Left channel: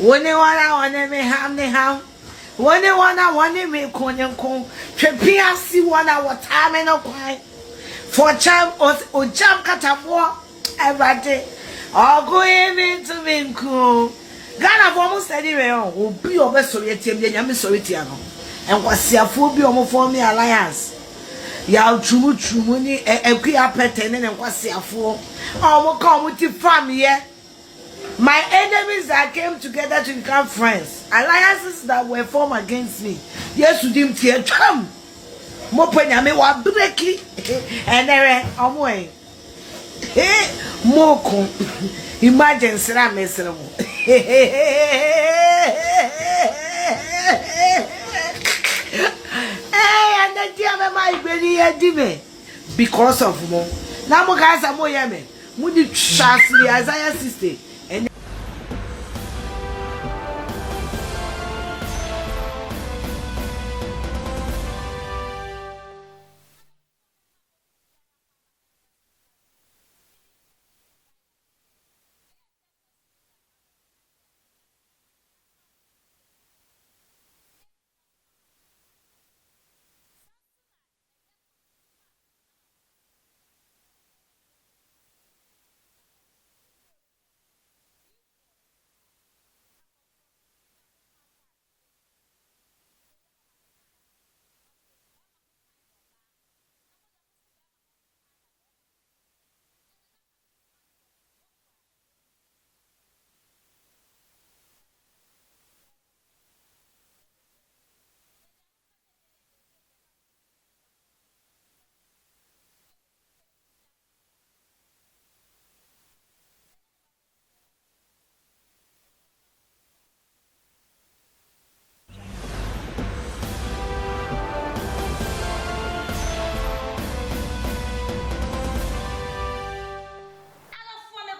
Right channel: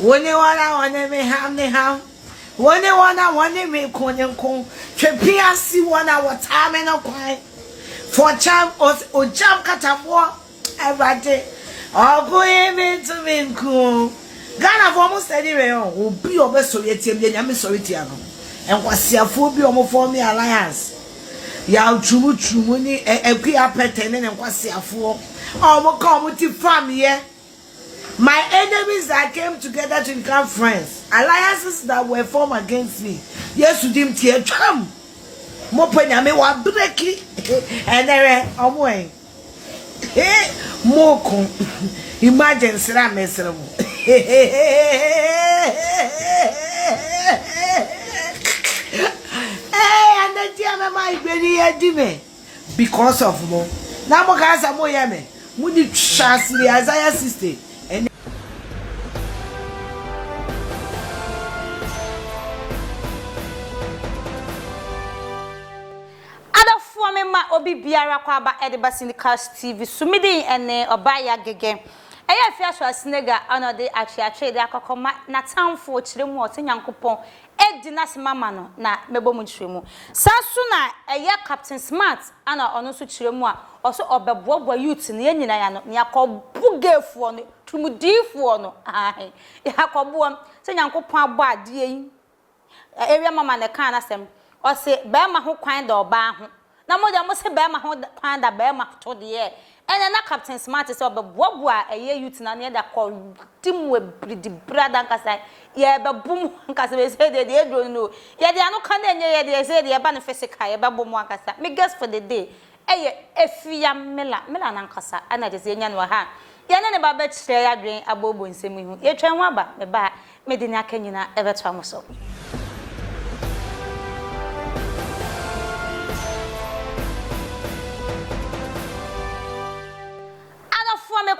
Wone wana me ham ne ham. Wone wana me konyenko. Twepia si wana watame no kwan. For cham o jam katabo everyday. Ogo me to me ko. Ghana for mo study we on. Obi obeso yetim de nyame so yetia no. Enkwasiafo bi omo form me alliance. Ya chumu ni ekua petene ne enkwasiafo. Omo come to farm here. My enemies that came together to become friends, alliances that were formed against me. Yes, you didn't hear tram. Mopenya me wa breki and there omwe. Moko. Imagine sira mesremo. And the dear my baby edime because of mo. Na mo ka sa mo yeme. Mo di chasiri Isaiah 60. Obi biara kwa ba Ediba Syndicast TV sumidi ene obaya gege eya fi aso asinega anode achiache de akokoma na tamfo kiremu otenyankopon edi na semama no na mebomu kiremu sasu na eya Captain Smart ana ono so kiremu a oso obebobo youth ne nyina ya no ne akobugefuo no tumudifuo no ahe yakobo tenyankopon abo ade yi area mama ne kan asem ose be ma ho kwan da oba ho na mo se be ma ho kwan da be ma to de ene na Captain Smart se obebobo a eye youth na ne da ko timwe bridi brada nkasa ye be bum nkasa be se de edro no ye de anu kan enye ye de se de ba no physical ye be bum nkasa me guess for the day eye efia mela na nkasa ana de se nya no ha ye ne ba be kire ya dwen abobo nsem hu ye twen ho aba me ba me de ni akanyina e be to amoso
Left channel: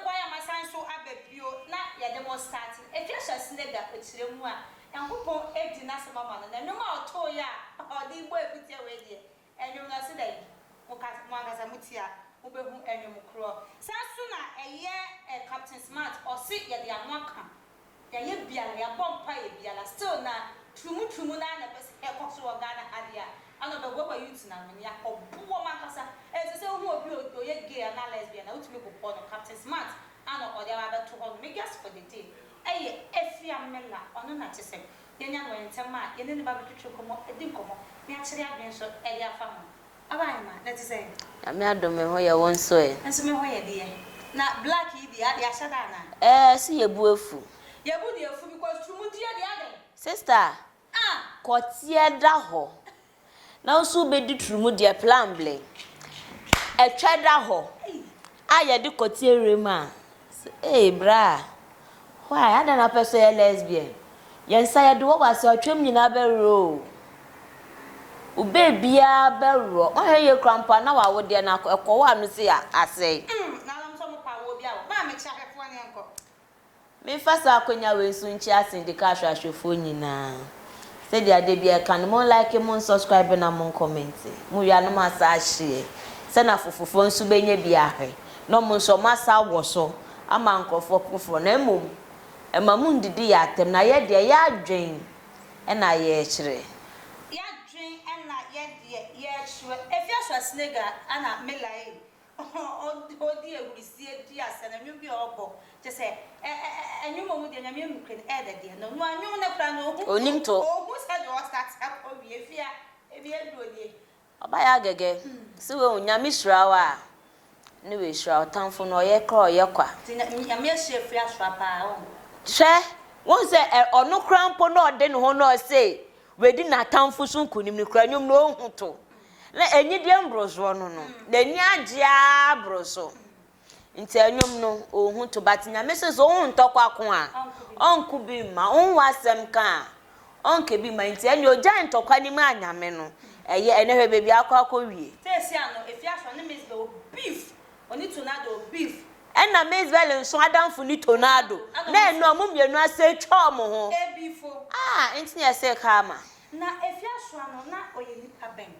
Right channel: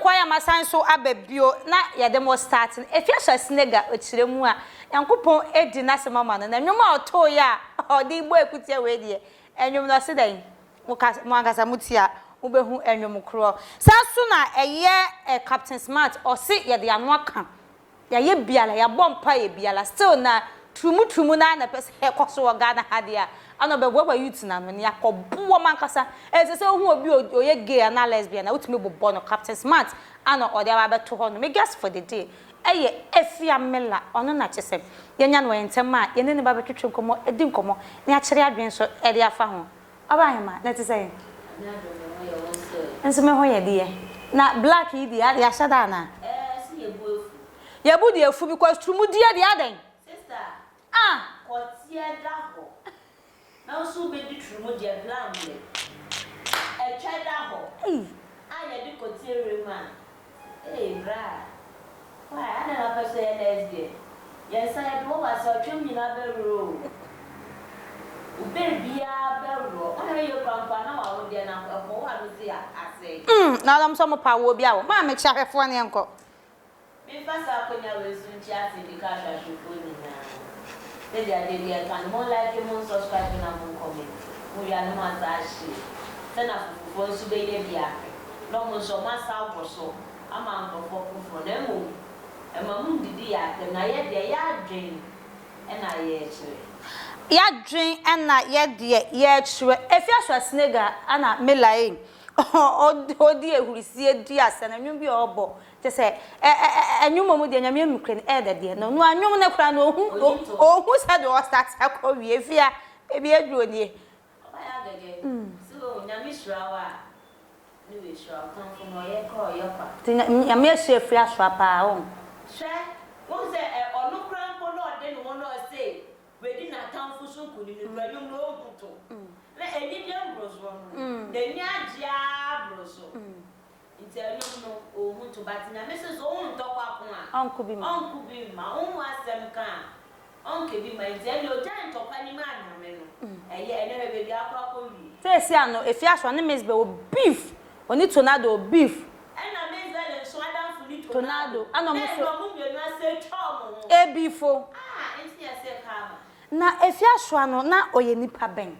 kwaya masanso ababio na yedemo starting efia snega ochiremu a yankopon edi na semama no na nwoma oto ya odi igbo ekutie we die enwom no sedan mo angasa mutia wo behu enwom kro saso na eye Captain Smart o se yede anu aka ya ye biala ya bompa ye biala still na tumu na pese ekoso Ghana hade a ano be gwa youth na no ne yakobo mankasa se hu obi oye gay na lesbian na utumi bobo no Captain Smart ano ode aba beto ho no me guess for the day eye efia mela ono na chese yenya no yentem a yene ne ba betwetwe komo edi komo ne a kire adwen so ede afa ho abahema na ti say ame adome ho ye won so e enso me ho ye de na black yi di ya shada na si yebu efu yebu di efu because tumu di de aden sister kotie da ho na usu be di trumu dia plan ble e tweda ho aye di kotie rema bra why ada na person lesbian yensa ya do wa se otwem nyina bero u bebia bero o ye krampa na wa wode na ekowa no se ase na lam so mo pa wo bia wo ma me chahwefo ne enko me fasa akonya we su nchi asindika hwahwefo nyina se dia de bia kan mo like mo subscribe na mo comment mo wi anu ma sa hye se na fofofo nsu benye bia hwe no mo so masa wo so ama nkofo pofo na emom emamu ndidi ya atem na ye de ya adwen na ye kire ya dwen na ye de ye kire efia so snega ana melae odi ehurisi di asana nwum bi obo te se enwum mu de nyame emukre de no anwum na kura no ohu se de o start akọ wie fia ebi eduro nie oba ya gege si we nyame hirawa ni we hira otamfo no ye kra ye kwa nyame ehwe aswa pa o hwe won se onu krampo no de no ho no se we di na tamfo so nkunim ni kura nwum no ohuto na enyi de mbrozo no na enyi agya brozo nti enwum no ohun to batinya message ohun ntokwa ko a onku bi ma onwu asem ka onke bi ma nti enyo gya ntokwa ni ma anyame no eye enehwe bebi akwa wie tesi ano efi aso ne mesbe o beef oni tornado beef ena mesbe nso adamfo ni tornado na eno amumienu ase twa mo ho beefo nti ne ese ka ma na efi aso ano na oye nipa ben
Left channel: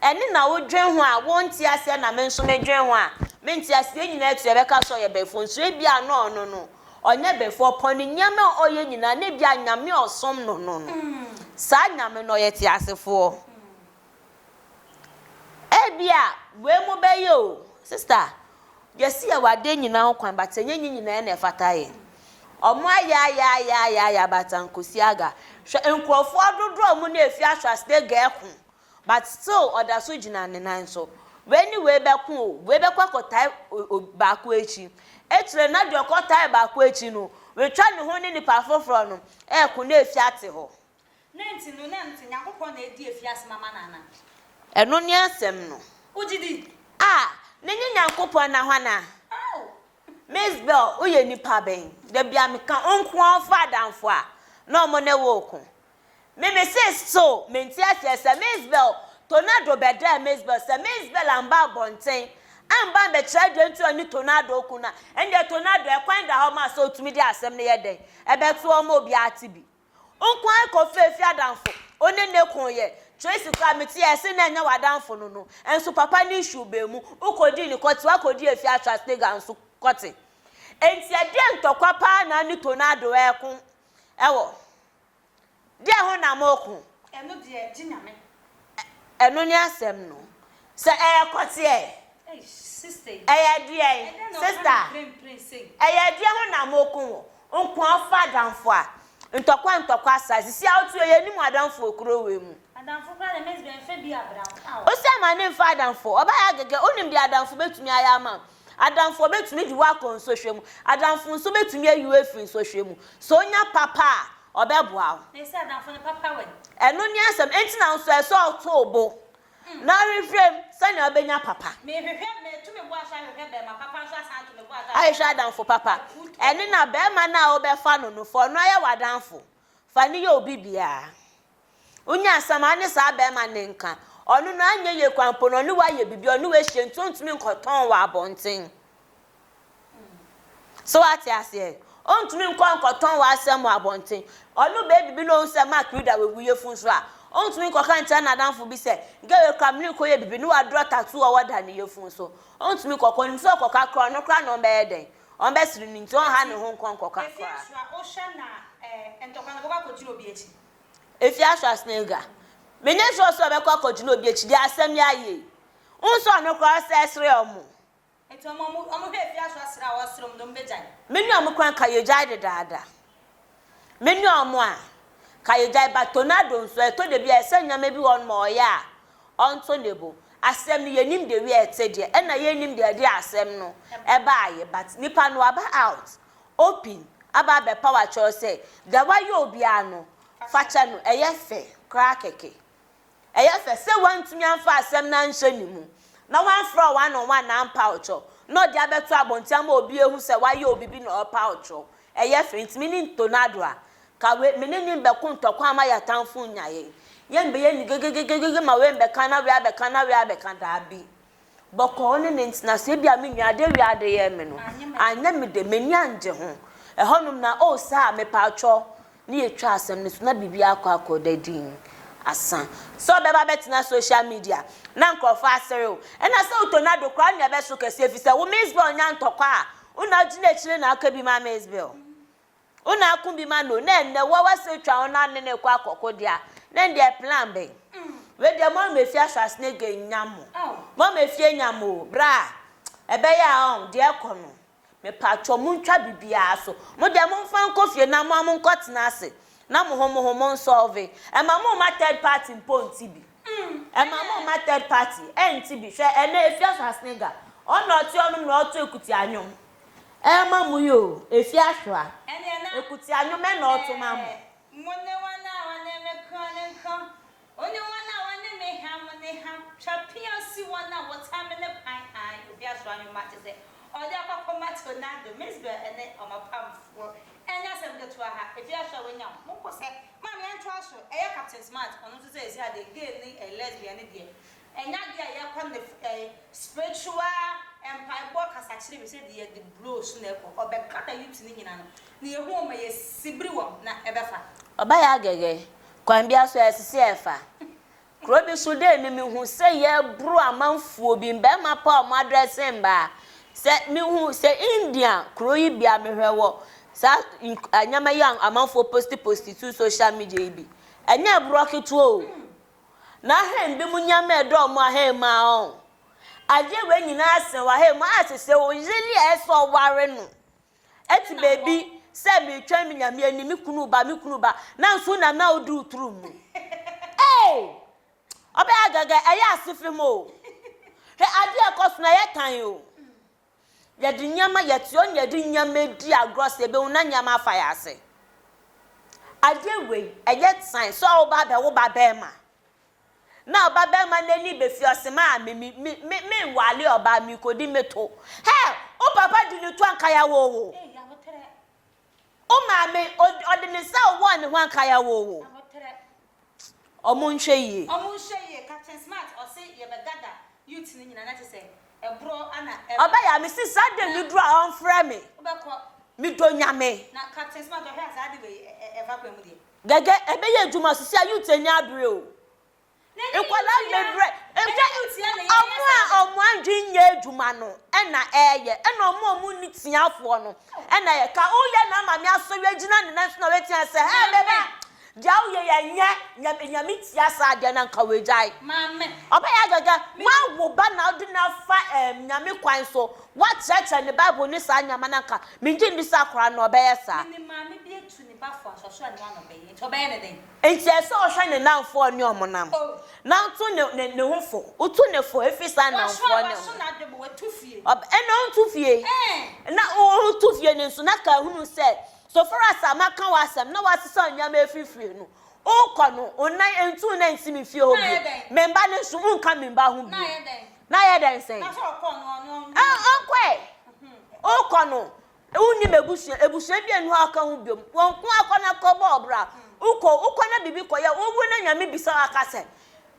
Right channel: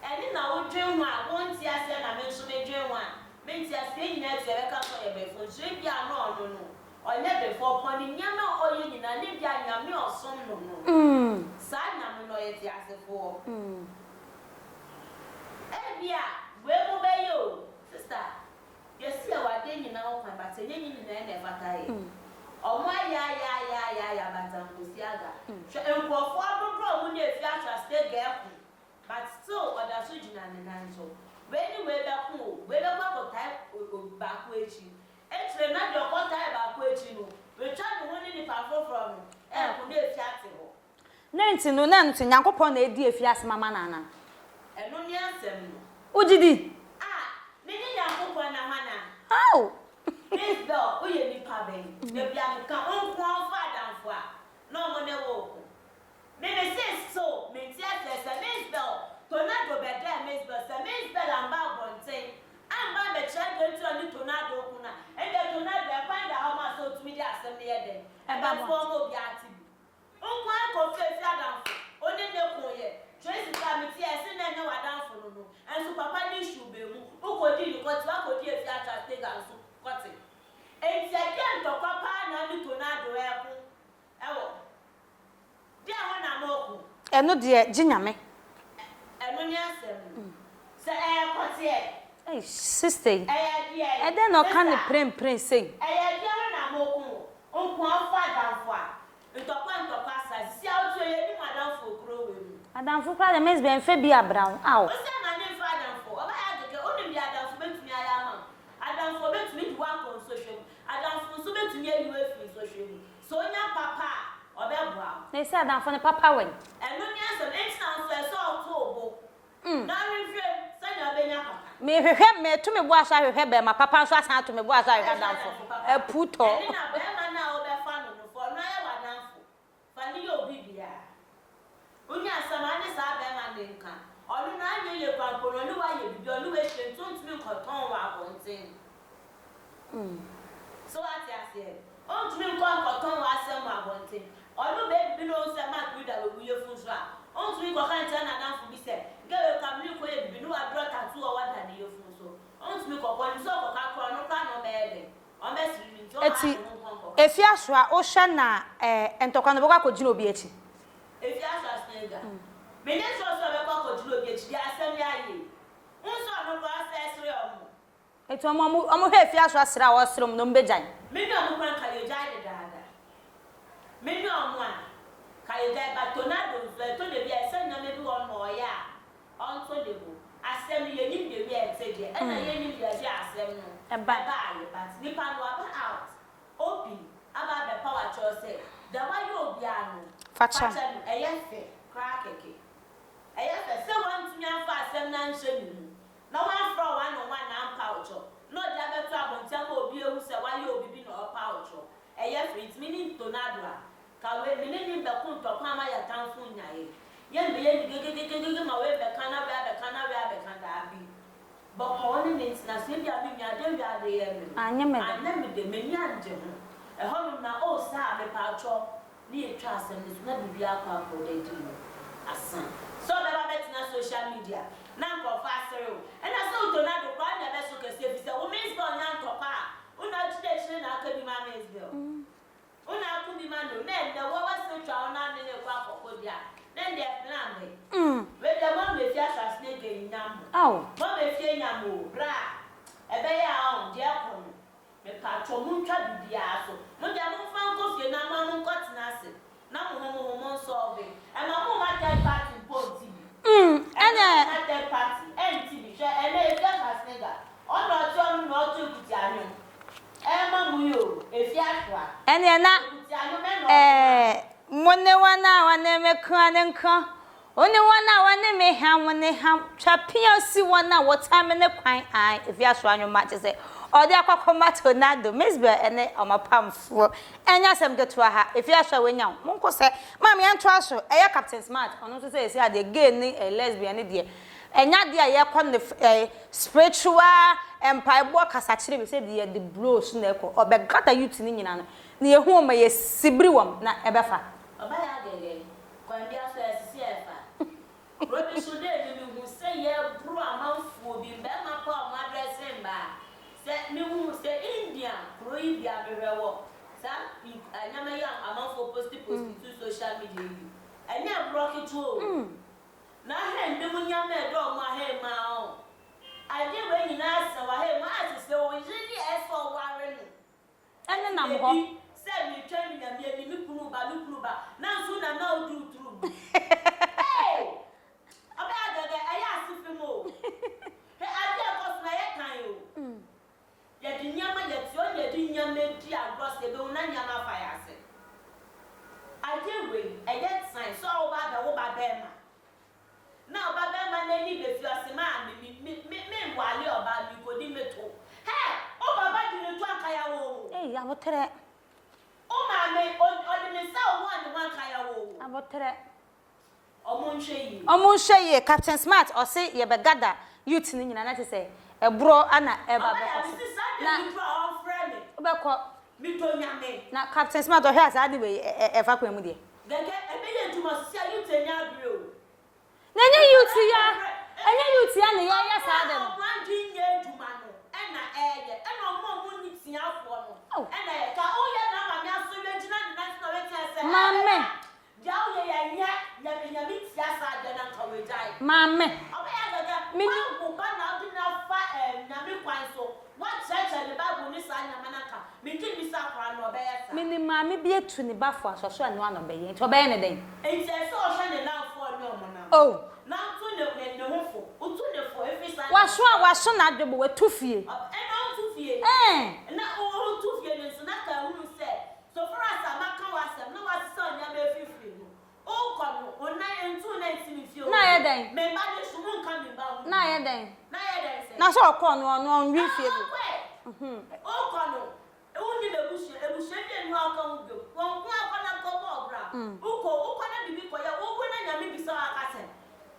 eni na wo dwen ho a wonti ase na me nso me dwen ho a me nti ase nyina etu ebeka so ye befo nso ebia no onye before poni nyame oye nyina ne bia nyame osom no sa nyame no ye ti asefo ebia we mo be yo sister yesi ya wade nyina ho kwan batenye nyina na efataye omo ya batankosi aga nkrofo adodro mu na efi ahwasde ga ekun but still oda so gina ne nan so when we be kun we be kwakotai baako echi etire na de okotai baako echi no we twa ne ho ne nipa foforo no ekun na efi ate ho nenti no nenti nyankopon na edi efi asema nana eno ni asem no ugidi ne nyankopon na hwana how Miss Bell uye nipa ben de bia me kan onko afa danfo a no mo ne wo ko me say so menti ase Miss Bell tornado be da Miss Bell say Miss Bell amba bonten amba be try de ntu ani tornado ku na ende tornado e kwan da ha ma so tumi di asem ne ye den e be to o ma obi ati bi onko akọ fefi adanfo one ne kun ye Tracy Kamiti ese na nya wadanfo no enso papa ni issue be mu ukodi ni koti wakodi efi atwa stega nso koti enti ade ntokwa pa na ni tornado ekun ewo de ho na moku eno de ginyame eno ni asem no se koti sister de no kan prem say de ho na moku onko afa danfo a ntokwa asazi si auto ye ni mu adanfo okro we mu adanfo pa de mes ben fe bia brown o se ma ne fa adanfo oba ya gege onim bia adanfo betumi aya ma adanfo betumi di wa kon so hwemu adanfo nso betumi ayi efi so hwemu so nya papa obeboa na se adanfo ne papa wen eno ni asem enti na nso eso auto obo na reframe sani obenya papa me hwehwe me to me bo asa hwehwe be ma papa nso asan to me bo asa ayi adanfo papa eni na be ma na obefa no fo no ya wadanfo fa ni ye obi bia unya asama ne sa be ma ne nka onu na anya ye kwampo no ni wa ye bibi onu we hye ntuntumi nkoton wa abonten so ati ase ontumi nkoton wa asem wa abonten onu be bibi no se mark reader we wuye fun so a ontumi kokan cha na danfo bi se gewe kamli ko ye bibi ni wa draw tattoo wa wada ne ye fun so ontumi kokon so koka kro no kra no be eden on be siri ni nto ha ne ho nkonkoka efi aso a o hwe na entokwa no bokwa ko gina obi echi efi aso snega menye so be kwa ko gina obi echi di asem ya ye unso no kwa sesre omo eto omo hwe efi aso asra wo srom no mbejan menye omo kwan ka ye jai de dada menye omo a ka ye jai ba tornado nso eto de bia esenya ma bi won ma oya onto nebo asem ni yenim de wi etede e na yenim de de asem no e ba aye but nipa no aba out open aba be power cho say the way you obi ano facha no e ye fe krakeke e ye fe se wantumi anfa asem na nhye ni mu na wan fro one on one na ampa ocho no de abeto abontia ma obi ehu se why you obi bi na opa ocho e ye fe ntimi ni tornado a ka we meneni be kun tokwa ma ya tanfu nyaye yen be yen gegegegege ma we be kana we abeka na we abeka da bi boko oni na se bia me nwade we ade ye me no anya me de meni anje ho e honum na o sa me pa atwo ni etwa asem ni so na bibia akọ dadin asan so be ba betina social media na nkrofa asere o e na se tornado kwa na be so kese efise wo Miss-Bell nya ntokwa a una gina chire na aka bi ma Miss-Bell una akumbi ma no na enne wo wase twa ona ne kwa akoko dia na ndi plan be we de mo me fi asasne ge nyamo mo me fi nyamo bra ebe ya on de ekono me patcho mu ntwa bibia so mo de mo mfa nkofie na mo nkotena ase na mo homo solve e ma mo ma third party ponti bi ene ma third party enti bi hwe ene efi asasne ga ono ti onu na otu ekuti anyom ma mu yo efi ahwa ene na ekuti anyom me na otu ma Mone wana wane me kwane nka oni wana wane me ha wane ha chapia si wana wota me ne kwan ai if ya so anyo ma se odi akwakoma tornado Miss-Bell ene omapamfo enya sem getua ha if ya so wenya monko se mam ya nto aso eye Captain Smart onu so se esi ade gay ni lesbian ni de enya de ye kon ne spiritual empire bo kasa kire be se de the bros na eko obegata youth ni nyina no na yehu o ma ye sibri wom na ebefa oba ya gege kwan bia so esisi efa krobi so de ni mi hu se ye bru amanfuo bi mbe ma pa o address mba se mi hu se India kroyi bia mehwewo sa anyama yang amanfo post to social media bi anya broke to o na hem bi mu nyama edo mo ahema o aje we nyina asen wa hem asese wo yeli eso ware no eti baby se mi twa mi nyame ani mi kunu ba na nso na odu turu mu eh obe agaga eya asifi mo he ade akos na yetan o ya di nyama yetio nya di nyama di agros ebe una nyama afa ya ase ade we eye sign so oba be wo ba be ma na oba be ma na ni be fi osema me wale oba mi kodi meto he o papa di ni to anka ya wo ya motere o ma me odi ni sa wo ni wan ka ya wo motere omo nhwe yi Captain Smart o se ye be gada youth ni nyina na te se ebro ana oba ya mi si Sunday mi bro on frame me obekọ mi do nyame na Captain Smart o hwe asa de we efa kwa mu de gege ebe ye adwuma sisi youth enya abre o na nya youth ya na ye sa omo anji nya adwuma no na eye na omo ni tiafo no na ye ka o ye na ma mi aso we gina ne na so na we tia se ha bebe jaw ye nyame tia sa de na nka we jai mame oba ya gaga ma wo ba na odi na fa nyame kwan so what church and the Bible ni sa nyama na nka me gye ndi sa kora no oba ya sa me mame bi etu ni ba fo asoso ane wa no be ye nti oba ye ne den enti so o hwe ne namfo ni omonam oh na to ne hofo utu ne fo efi sa na wa so na adwebo we tu fie oba eno ntu fie na o tu fie ni so na ka hunu se so for us amaka wasam na wasisa nyama efifiri no o ko no onan entu na ntimi fie o memba ne so mu nka memba hu na ye den say na so ko no nwi fie o ko no uni ebusu bi enu aka hu biom won ko akona ko bo bra uko na bibi ko ya owu na nyame bisa aka se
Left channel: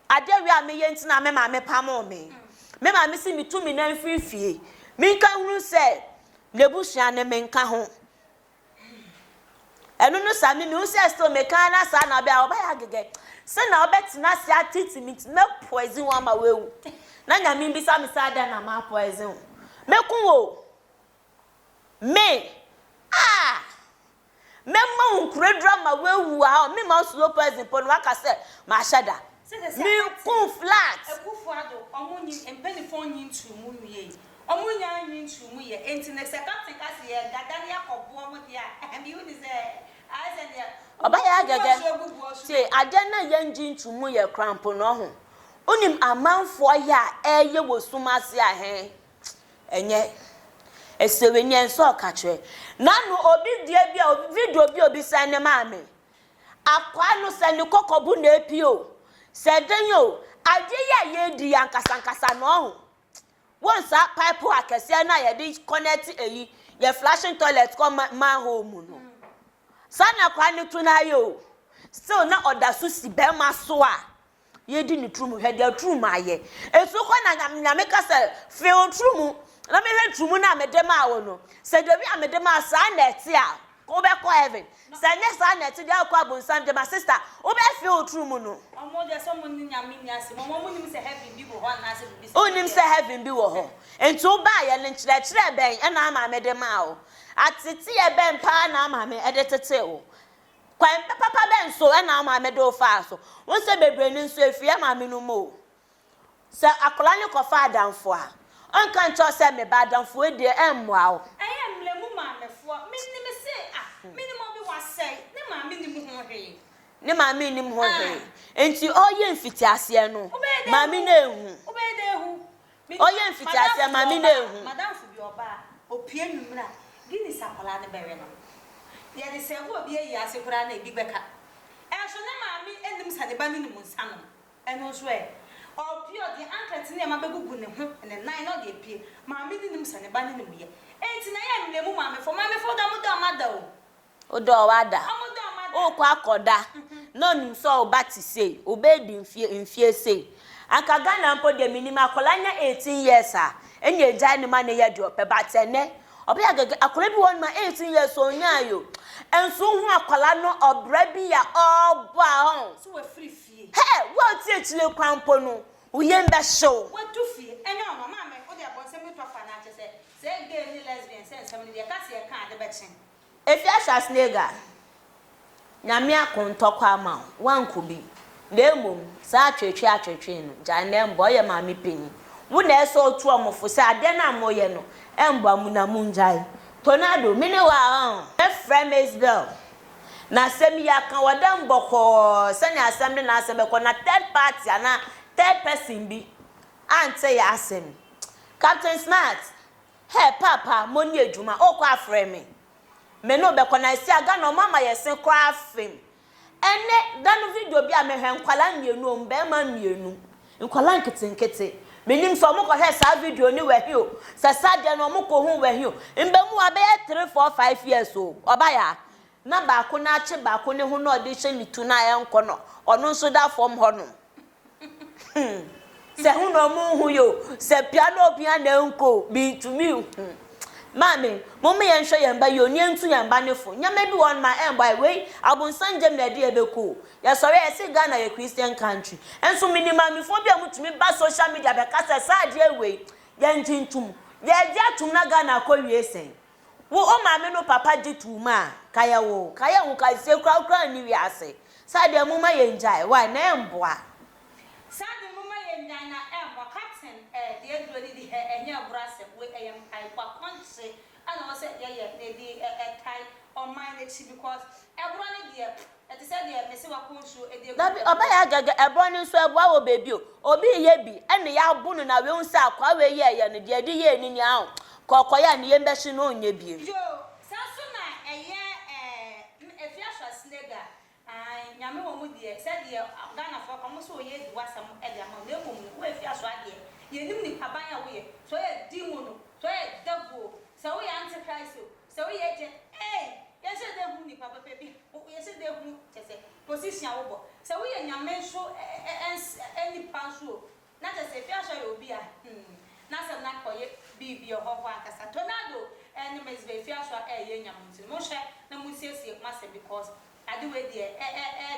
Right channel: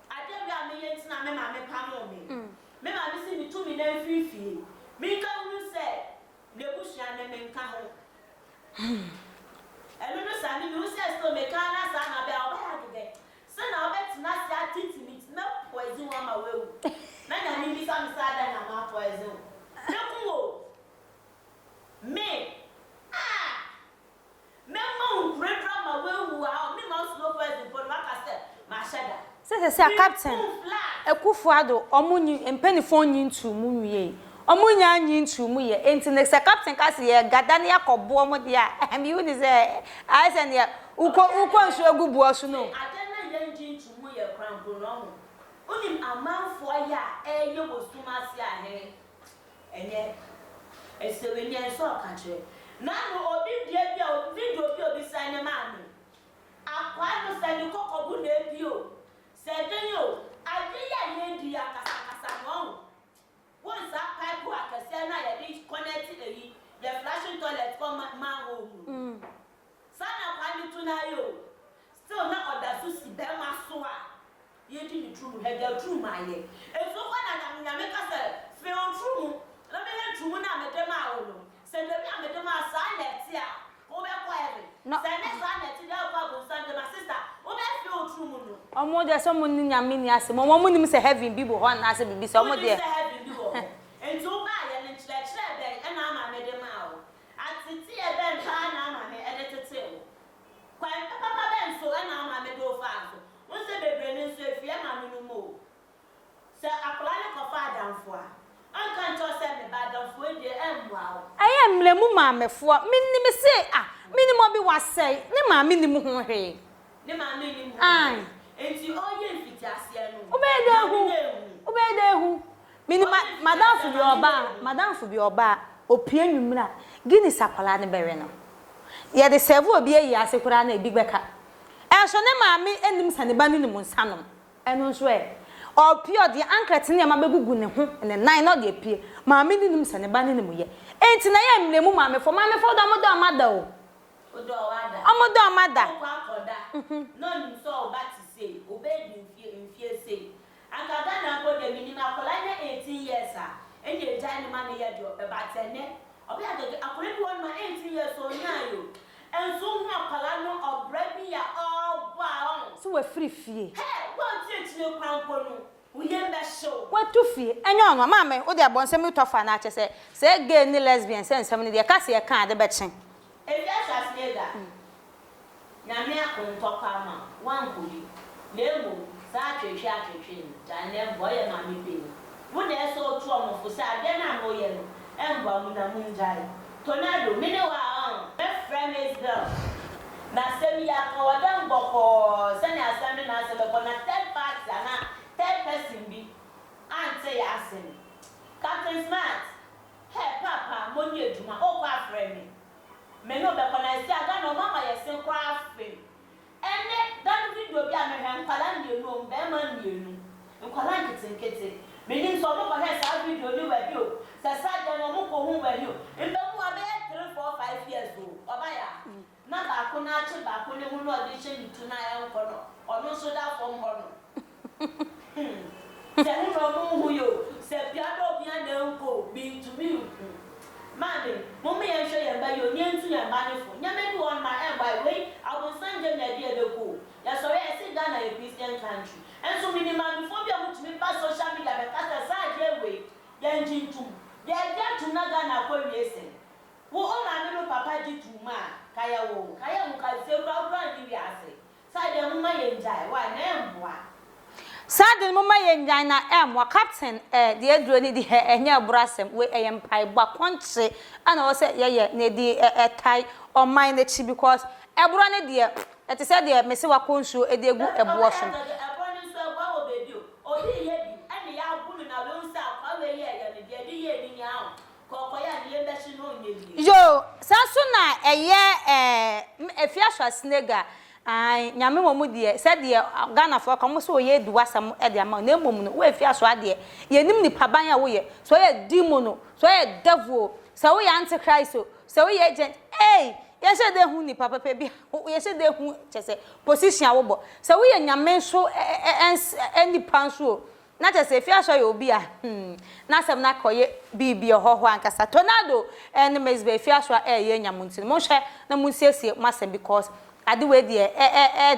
ade wi a me ye ntina me ma me pamo me ma me si mitumi na mfifie mi ka hu se lebusu ane me nka ho enu no sami mi usia sto me kan na sa na bia oba ya gege se na obetina si atiti mit me poison wa ma wewu na nya mi bi sa mi sa da na ma poison me kun wo me me ma unkure drama wewu a me ma slow poison pon wa ka se ma shada se captain flat ekufu ado omunyi empenifo nyi ntu mu wie omunya nyi ntu mu ye enti ne se captain ka se ye gada ne yakobo mu dia mi uni se I say ne uko nso egubu osu no ade na ye nyi ntu mu ye crampo no ho onim amanfo ya eye wosumase ahe enye esewe nye nso ka kire na no obi dia bia video bi obi san ne maame akwa no se ne kokobu na epio se den yo ade ya ye di ankasa no ho once a pipe akese na ye dey connect eyi ye flashing toilet come man home no sana kwa ni tuna yo still na order so si be ma so a ye di ni trum he dey trum aye esu kwa na nyame ka se fe o trum na me he trum na me dem a wo no se de bi a me dem a sa na eti a ko be ko heaven se ne sa na eti dey akwa bonsan de my sister o be fe o trum no omo de so mo ni nyame ni ase mo nim se heaven bi bo ho na ase bibi so mo de nim se heaven bi wo ho enti o ba ye ne kire ben na ama me dem a o atete ye ben pa na ama me e de tete o kwan papa ben so na ama me do fa so won se bebre ni so efie ama me no mo se akola ni ko fa adamfo a onka ncho se me ba adamfo e de emwa o aye mlemu maamefo minni me se minni mo bi wasai ne ma minni mu ho hwe ne ma minni mu ho hwe enti oye mfiti ase no ma mi na ehu obede ehu minni madam fu bi oba opie nwumra gini sapala ne bewe no ye de serve obi eyi ase kura na ebi beka so ne maami enim saneba ni mu nsanom eno so opio de ankret ne ma begugu ne ho ne nan no de pie maami ni nim saneba ni mu ye enti na ye mlemu maamefo do amada o do wada amodo amada o kwa akoda no nim so obati sei obedi mfie sei aka Ghana mpo de minima akolanya 18 years a enye ejai ne ma ne ye de ope batene obi agage akole bi won ma 18 years onyayo enso hu akola no obra bi ya oba hon so we free fie he what ti echile kwampo no uye mbe show watu fie enye ono maame o de abonsem tofa na ache se gay ni lesbian se nsem ni de ka se ye kan de be chen If you are snega, Namia contokwa ma, one could be. Lemu, such a chin, Janem boy a mammy penny. Wouldn't so two for Sadena Moyeno, and Bamuna Munjai. Tornado, meanwhile, a friend is girl. Na semi ya kan wadam boko sani assembly na asem ko na third party na third person bi ante ya asem Captain Smart hey papa moni edwuma okọ afre me no be ko na si aga no mama yesen kọ afem ene dan video bi a me hwe nkwala mienu mbe ma mienu nkwala nkete menim so mo ko he sa video ni we hio sa de no mo ko hu we hio mbe mu abe 3 4 5 years o obaya na ba ko na ache ba ko ne hu na ode hye mitu na ya nko no ono nso da fom ho no se hu no mu hu yo se piano nko bi to me mami mo me yen hwe yen ba yo ni entu yen ba ne fo nyame bi won ma en boy we abun sanje na de ebeko ya sori e se Ghana ye Christian country enso minimum mi fo bi amutumi ba social media be kasa sa de we yen jintum ye je atum na Ghana ko wie sen wo o maame no papa dituma kaya wo ka se kra ni wi ase sade mu ma yenjai wa na emboa sade mu ma yenjai na emwa captain de aduro ni de enya brasem we eyempai gba konche ana wo se ye na di tai on mine na chi because ebro ne de ete se de mese wa konsu e de egu ebo oba ya gaga ebo ni so ebo wo bebi obi ye bi ene ya bunu na we unsa akwa we ye ne de de ye ni ahụ kokoya ni yembe shi no onye bie yo sanso na eye efiaswa snega ai nyame mo de se de Ghana fo komo so ye duwasam e de ama na emom no we efiaswa de ye nim ni paban ya wo ye so ye demon no so ye devil so ye antichrist so ye agent ye se de hu ni papa pe bi ye se de hu chese position awobo so ye nyame so eni panso na chese efiaswa ye obi a na sem na koye bibi hoho ankasa tornado and mesbe efiaswa ye nyamunti mo hwe na munsiesie masem because ade we de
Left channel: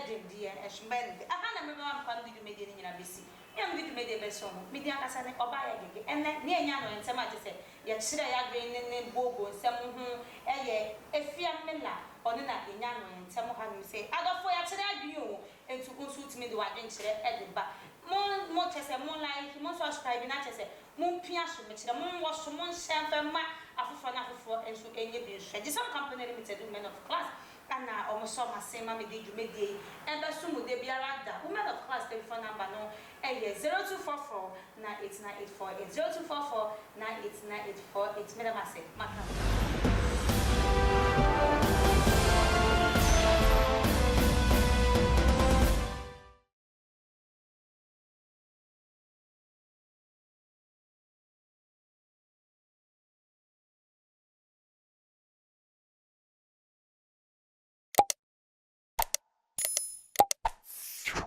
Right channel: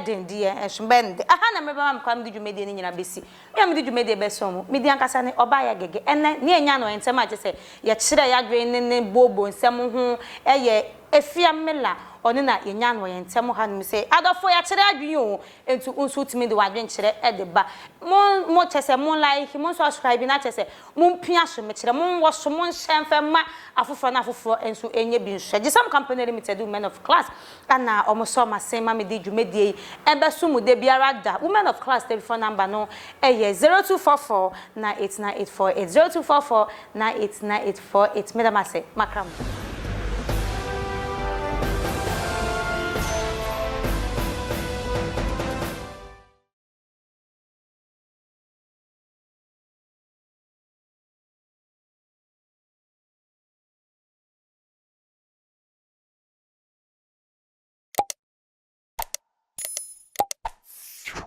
den de ehwembende aha na meba mam kwam de dwumede ni nyina besi me de dwumede be so mo me di ankasa ne oba ya gege ene ne enya no ntem a chese ye kire ya dwe ne bobo nsem ho ye efia mela oni na enya no ntem ha no se adofo ya kire adwen o entu unsu timi de wadwen kire de ba mo chese mo like mo subscribe na chese mo pia so me kire mo wo so mo nhemfe ma afofo na afofo ensu enye bi nhwe gisam company limited women of class ana omoso masema me di dwumedie ebe so mu de biara da women of class telephone number no 0244 989848 0244 989848 medama se makram